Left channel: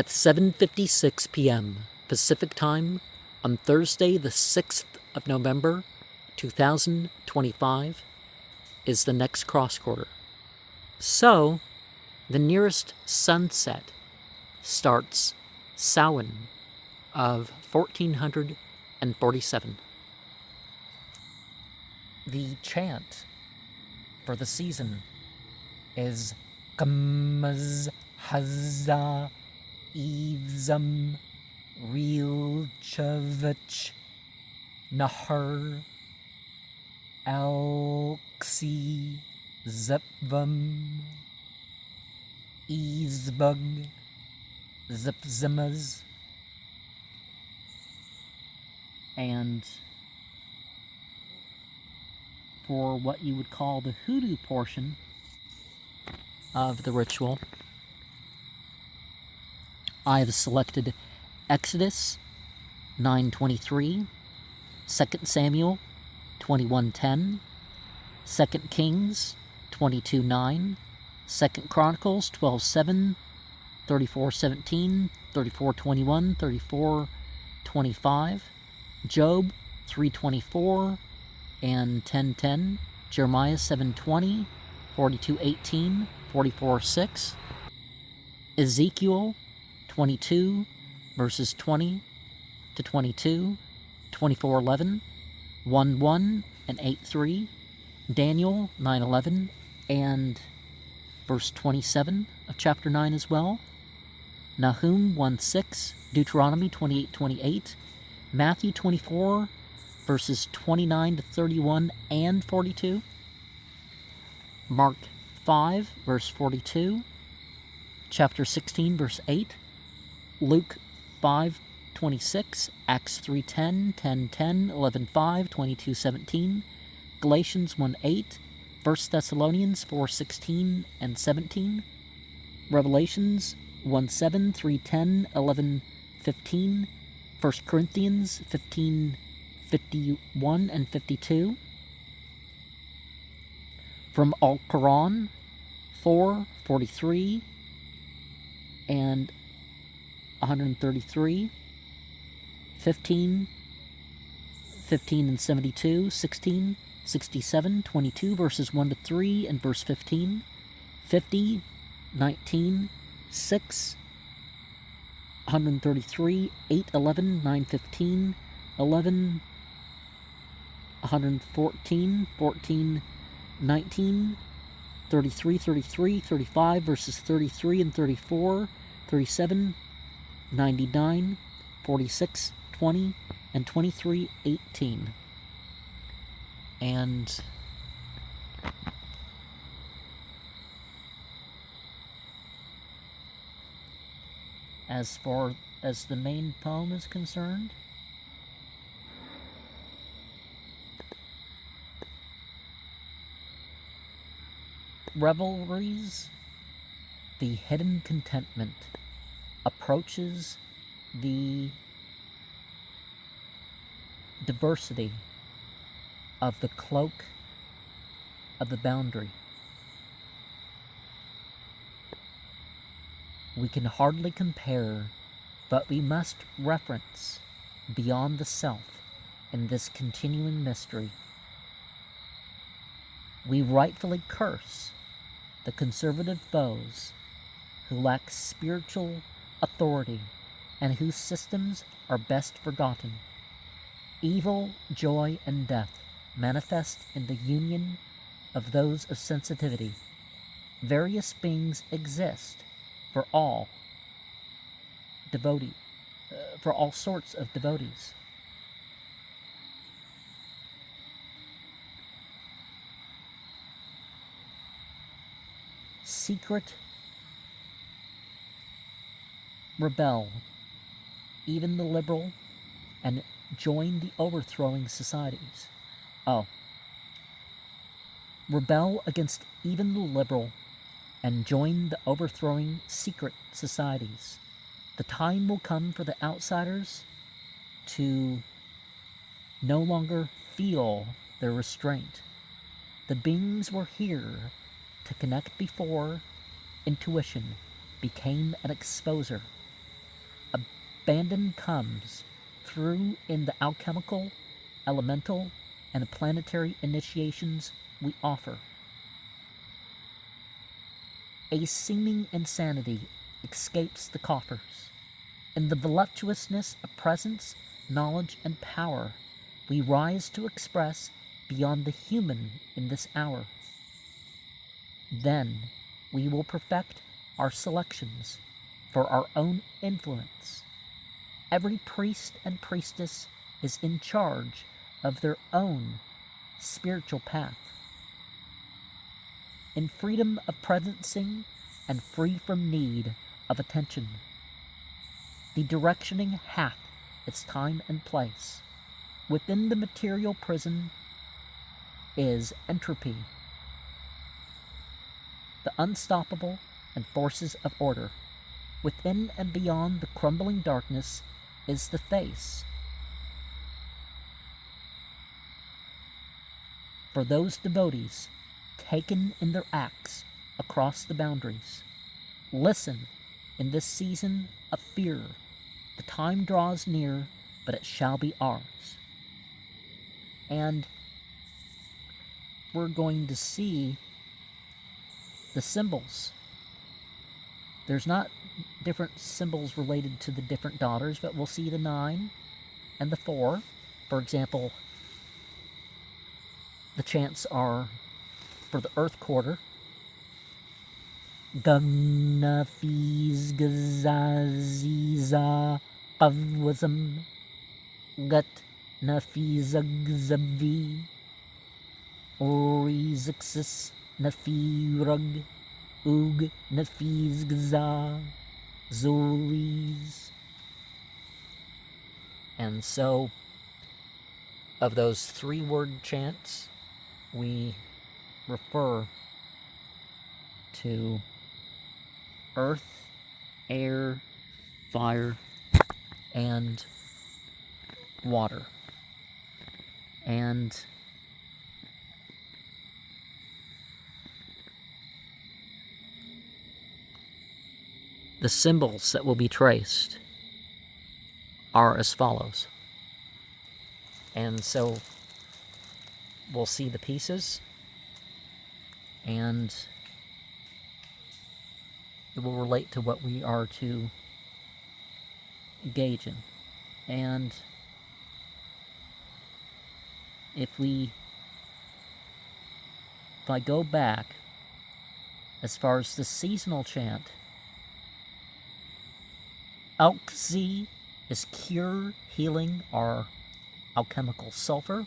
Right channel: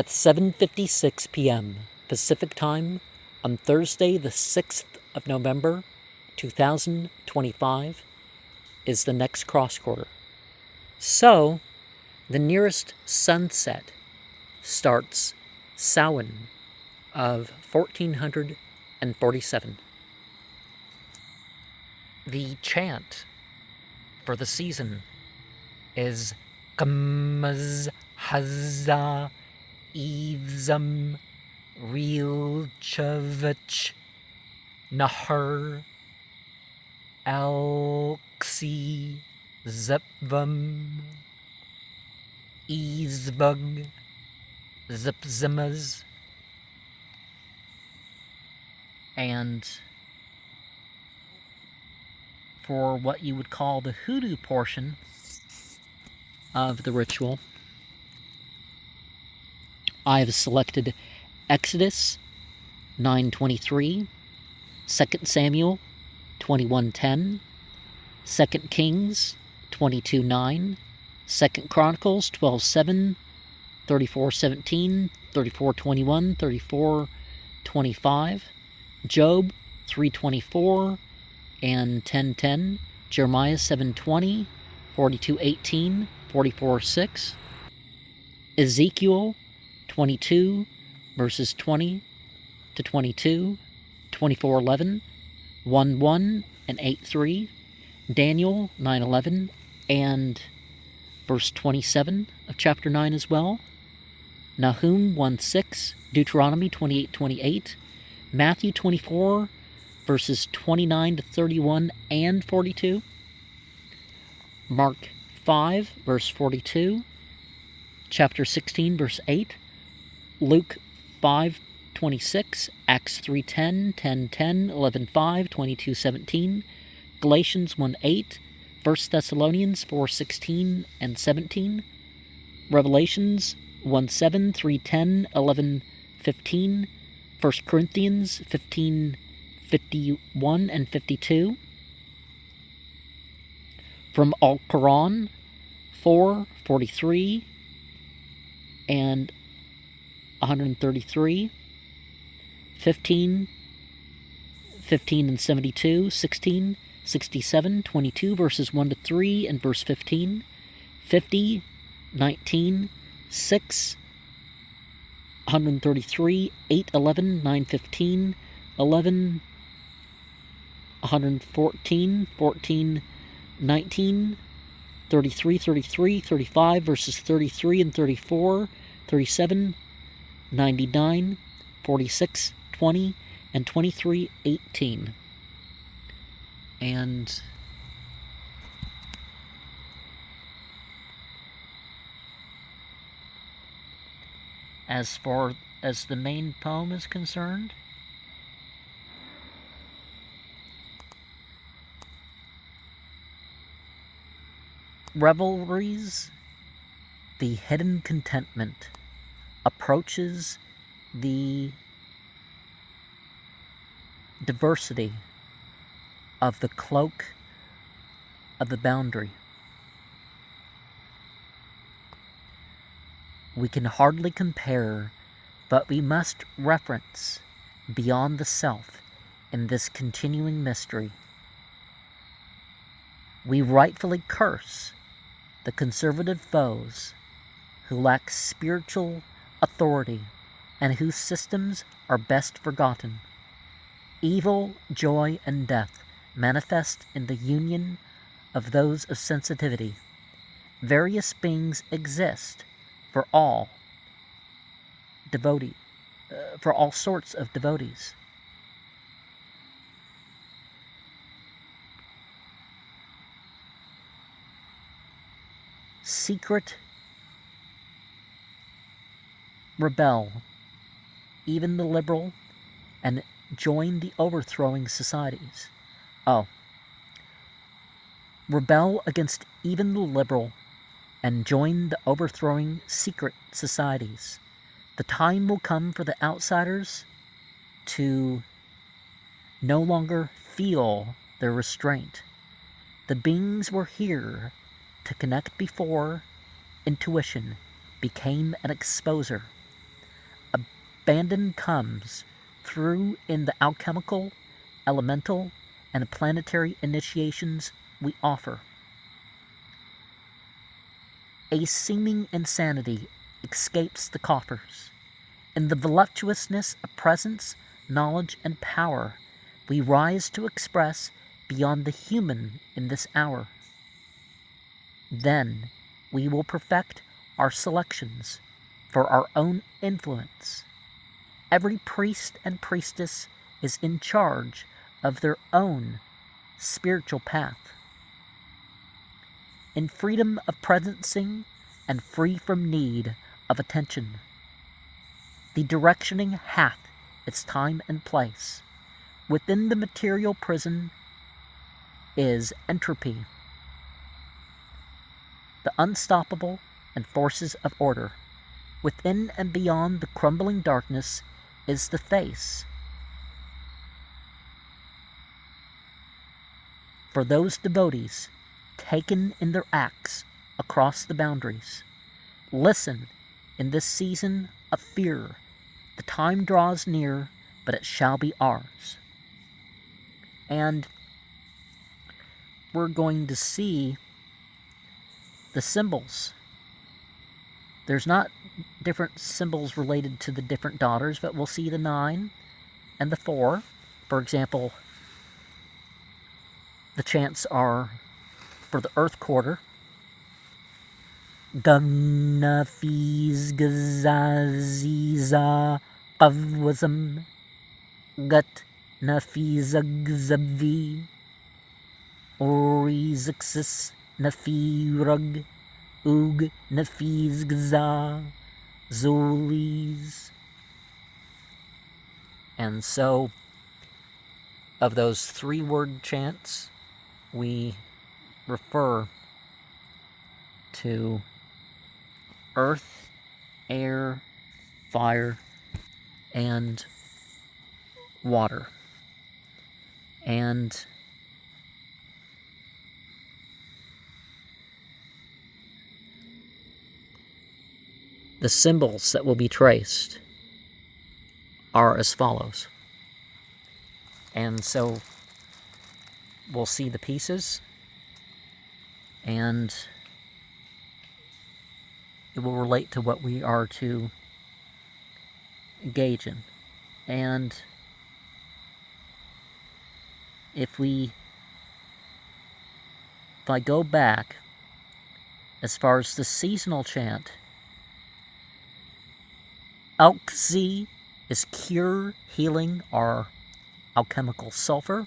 At 7:56 p.m. Pacific Time on Thursday, the 6th of November, 2025, is the next cross quarter. So, the nearest sunset starts Samhain of 1447. The chant for the season is Gmz Hazza Evzam Rilchavich Nahar Alksi Zepvam Izbug Zipzimaz. And for what you would call the hoodoo portion of the ritual, I have selected Exodus 9:23, 2 Samuel 21:10, 2 Kings 22:9, 2 Chronicles 12:7, 34:17, 34:21, 34:25, Job 3:24 and 10:10, Jeremiah 7:20, 42:18, 44:6, Ezekiel 22 verses 20 to 22, 24:11, 1:1 and 8:3, Daniel 9:11 and verse 27 of chapter 9 as well, Nahum 1:6, Deuteronomy 28:28, Matthew 24 verses 29 to 31 and 42, Mark 5 verse 42, chapter 16 verse 8, Luke 5:26, Acts 3:10, 10:10, 11:5, 22:17, Galatians 1:8, 1 Thessalonians 4:16 and 17, Revelations 1:7, 3:10, 11:15, 1 Corinthians 15:51 and 52, from Al-Quran 4:43 and 133, 15 and 72, 16, 67, 22 verses 1 to 3 and verse 15, 50, 19, 6, 133, 8, 11, 9, 15, 11, 114, 14, 19, 33, 33, 35 verses 33 and 34, 37, 99, 46, 20, and 23, 18. And as far as the main poem is concerned, revelries, the hidden contentment approaches the diversity of the cloak of the boundary. We can hardly compare, but we must reference beyond the self in this continuing mystery. We rightfully curse the conservative foes who lack spiritual authority and whose systems are best forgotten. Evil, joy, and death manifest in the union of those of sensitivity. Various beings exist for all sorts of devotees. Secret rebel, even the liberal, and join the overthrowing societies. Rebel against even the liberal and join the overthrowing secret societies. The time will come for the outsiders to no longer feel their restraint. The beings were here to connect before intuition became an exposer. abandon comes through in the alchemical, elemental, and planetary initiations we offer. A seeming insanity escapes the coffers. In the voluptuousness of presence, knowledge, and power, we rise to express beyond the human in this hour. Then we will perfect our selections for our own influence. Every priest and priestess is in charge of their own spiritual path. In freedom of presencing and free from need of attention, the directioning hath its time and place. Within the material prison is entropy, the unstoppable and forces of order. Within and beyond the crumbling darkness is the face. For those devotees taken in their acts across the boundaries, listen in this season of fear. The time draws near, but it shall be ours. And we're going to see the symbols. There's not different symbols related to the different daughters, but we'll see the 9 and the 4. For example, the chants are for the Earth Quarter. Gamna Fiz Gazaziza Qavwazam Gut Nafizagzavi Orizixis Nafirug Ug Nafizgza Zolis. And so, of those 3-word chants, we refer to earth, air, fire, and water. And the symbols that will be traced are as follows. And so we'll see the pieces, and it will relate to what we are to engage in. And if I go back as far as the seasonal chant, Alkzi is cure, healing, or alchemical sulfur.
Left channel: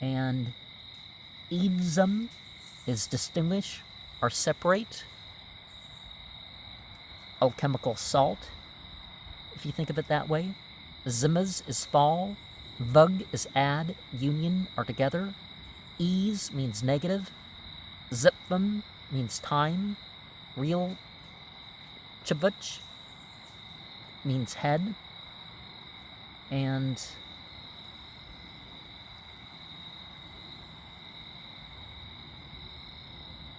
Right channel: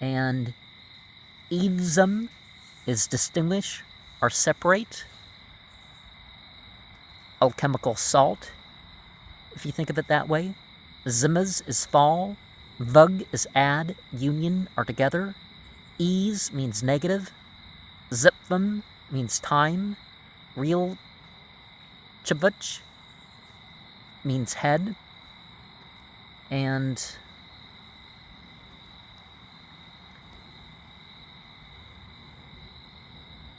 And Evzum is distinguish or separate, alchemical salt, if you think of it that way. Zimaz is fall. Vug is add, union, or together. Ease means negative. Zipfum means time. Real Chavuch means head. And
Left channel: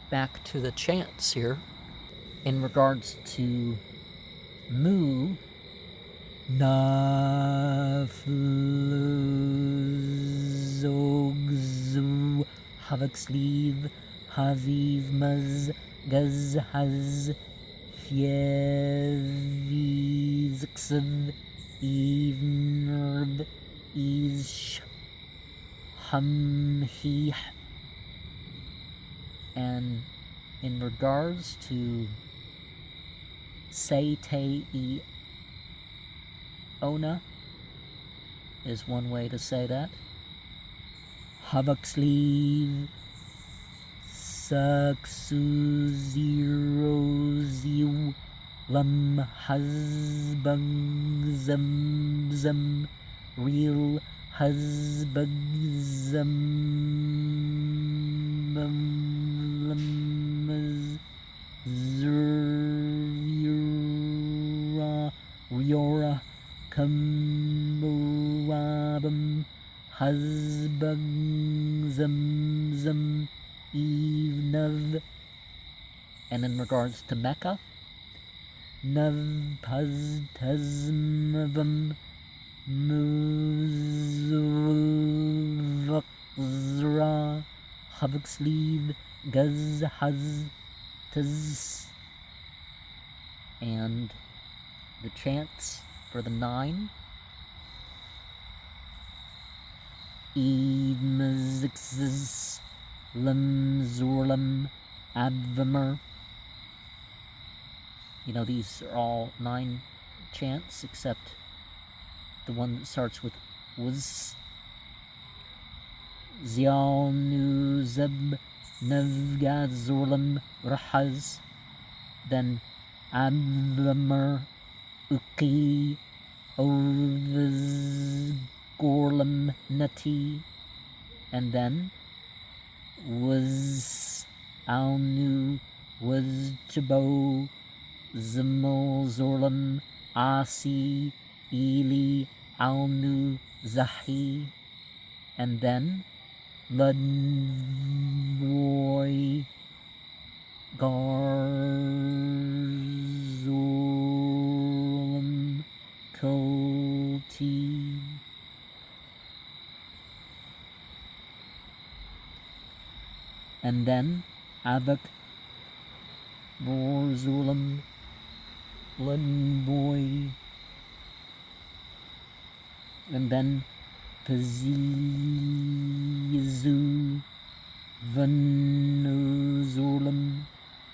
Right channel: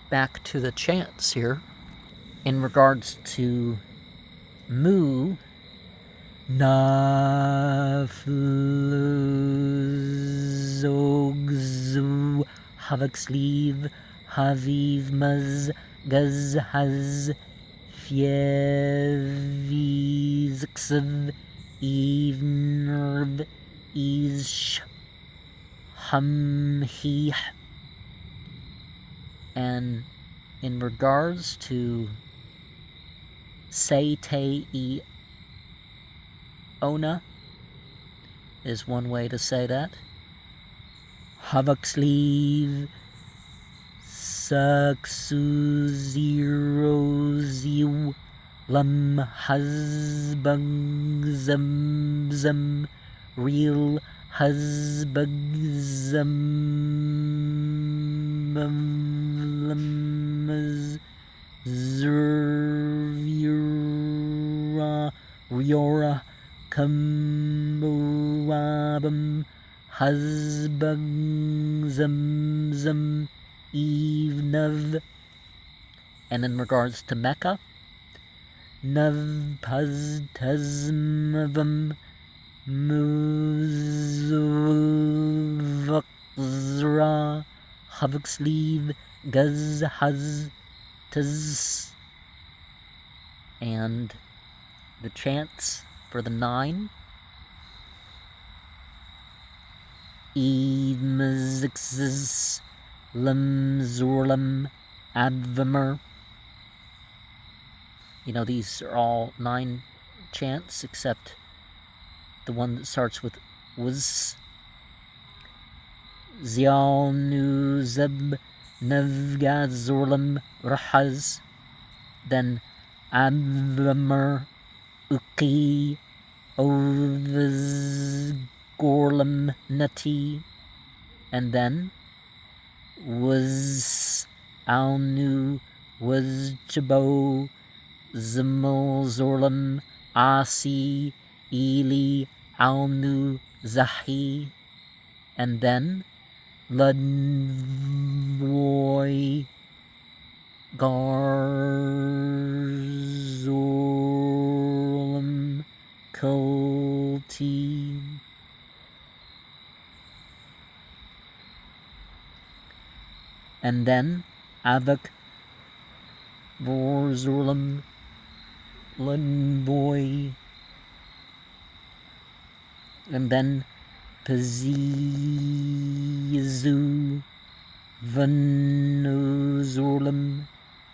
back to the chants here. In regards to Mu, Nafluzogzu Havaksleeve Haviv Maz Gazhaz Fievizxiv Evnerv Ish Hamhih. And in regards to Seitei Ona is one way to say that. Havaksleeve Saksuziroziu Lam Hazbang Zamzam Real Hazbagzam Zurvira Riora Kamurabam Hazbang Zamzam Evnav. And in regards to Mecca, Navpaztazmavam Muzvakzra Havksleeve Guzhaz Taz. And the chants for the 9. Evmzixz Lemzorlem Advamer. These are all 9 chants except the one that starts with was. Zialnu Zeb Nevgazorlem Rahaz. Then Advamer Uki Ovzgorlem Nati. And then was Alnu was Chabo Zimmelzorlem Asi Eli Alnu Zahi. And then Ludvoy Garzorlem Kulti. And then Avak Borzorlem Ludvoy. And then Pazizu Vanuzorlem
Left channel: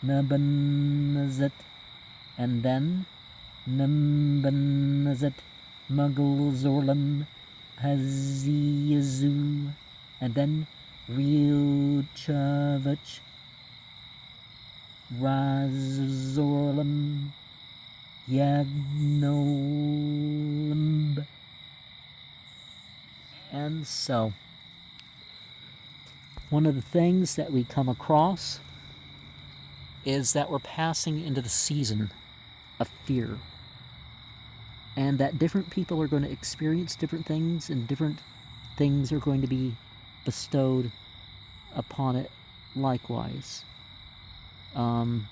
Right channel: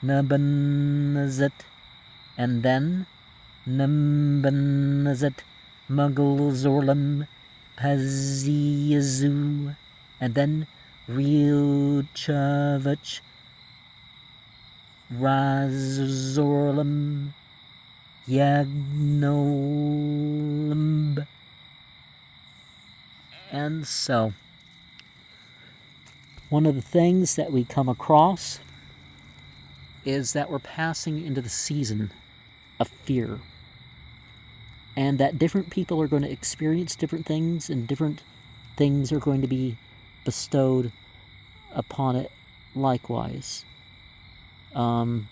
Nabanazet. And then Nambanazet Muggulzorlem Pazizu. And then Rilchavich Razorlem Yagnolimb. And so, one of the things that we come across is that we're passing into the season of fear. And that different people are going to experience different things, and different things are going to be bestowed upon it likewise. And